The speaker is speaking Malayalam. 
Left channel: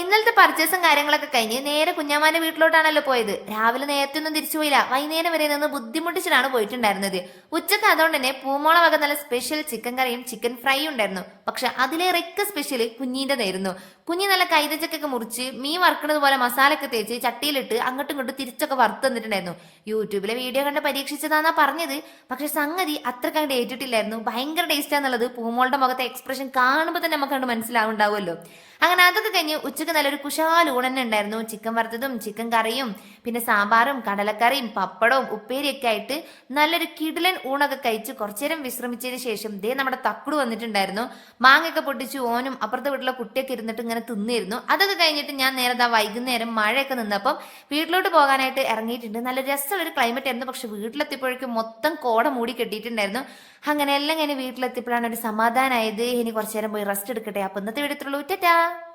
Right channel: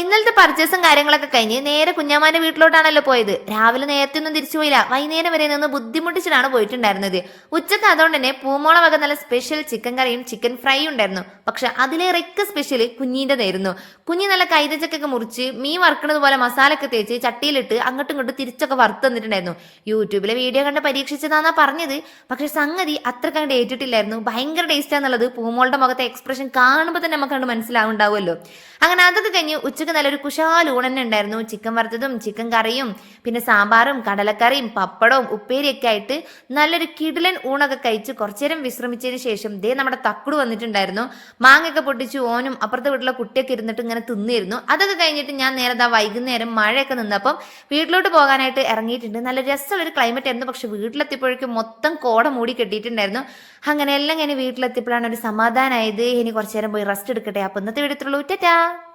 ഇന്നലത്തെ പർച്ചേസും കാര്യങ്ങളൊക്കെ കഴിഞ്ഞ് നേരെ കുഞ്ഞാമാന്റെ വീട്ടിലോട്ടാണല്ലോ പോയത്. രാവിലെ നേരത്തെ ഒന്നും തിരിച്ചു പോയില്ല, വൈകുന്നേരം വരെ നിന്ന് ബുദ്ധിമുട്ടിച്ചിട്ടാണ് പോയിട്ടുണ്ടായിരുന്നത്. ഉച്ചക്ക് അതുകൊണ്ട് തന്നെ പൂമോള വക നല്ല സ്പെഷ്യൽ ചിക്കൻ കറിയും ചിക്കൻ ഫ്രൈയും ഉണ്ടായിരുന്നു. പക്ഷെ അതിലേറെയൊക്കെ സ്പെഷ്യൽ കുഞ്ഞിൻ്റെതായിരുന്നു. കുഞ്ഞി നല്ല കൈതച്ചക്കൊക്കെ മുറിച്ച് മീൻ വറുക്കുന്നത് പോലെ മസാലയൊക്കെ തേച്ച് ചട്ടിയിലിട്ട് അങ്ങോട്ടും ഇങ്ങോട്ടും തിരിച്ചൊക്കെ വറുത്ത് തന്നിട്ടുണ്ടായിരുന്നു. യൂട്യൂബിലെ വീഡിയോ കണ്ട് പരീക്ഷിച്ചതാന്നാ പറഞ്ഞത്. പക്ഷെ സംഗതി അത്ര കണ്ട് ഏറ്റിട്ടില്ലായിരുന്നു. ഭയങ്കര ടേസ്റ്റാന്നുള്ളത് പൂമോളുടെ മുഖത്തെ എക്സ്പ്രഷൻ കാണുമ്പോൾ തന്നെ നമുക്ക് കണ്ട് മനസ്സിലാവുണ്ടാവുമല്ലോ. അങ്ങനെ അതൊക്കെ കഴിഞ്ഞ് ഉച്ചക്ക് നല്ലൊരു കുശാൽ ഊണ് തന്നെ ഉണ്ടായിരുന്നു. ചിക്കൻ വറുത്തതും ചിക്കൻ കറിയും പിന്നെ സാമ്പാറും കടലക്കറിയും പപ്പടവും ഉപ്പേരിയൊക്കെ ആയിട്ട് നല്ലൊരു കിടിലൻ ഊണൊക്കെ കഴിച്ച് കുറച്ചേരം വിശ്രമിച്ചതിന് ശേഷം ദേ നമ്മുടെ തക്കുട് വന്നിട്ടുണ്ടായിരുന്നു. മാങ്ങയൊക്കെ പൊട്ടിച്ച് ഓനും അപ്പുറത്തെ വീട്ടിലെ കുട്ടിയൊക്കെ ഇരുന്നിട്ട് ഇങ്ങനെ തിന്നിരുന്നു. അതൊക്കെ കഴിഞ്ഞിട്ട് ഞാൻ നേരെ വൈകുന്നേരം മഴയൊക്കെ നിന്നപ്പം വീട്ടിലോട്ട് പോകാനായിട്ട് ഇറങ്ങിയിട്ടുണ്ട്. നല്ല രസമുള്ളൊരു ക്ലൈമറ്റ് ആയിരുന്നു. പക്ഷെ വീട്ടിലെത്തിയപ്പോഴേക്കും മൊത്തം കോട മൂടി കെട്ടിയിട്ടുണ്ടായിരുന്നു. അങ്ങനെ എല്ലാം ഇങ്ങനെ വീട്ടിലെത്തിയപ്പോഴാണ് ഒരു സമാധാനമായത്. ഇനി കുറച്ചു നേരം പോയി റെസ്റ്റ് എടുക്കട്ടെ. അപ്പൊ ഇന്നത്തെ വീഡിയോ ഇത്രയുള്ളൂ. ടാറ്റാ.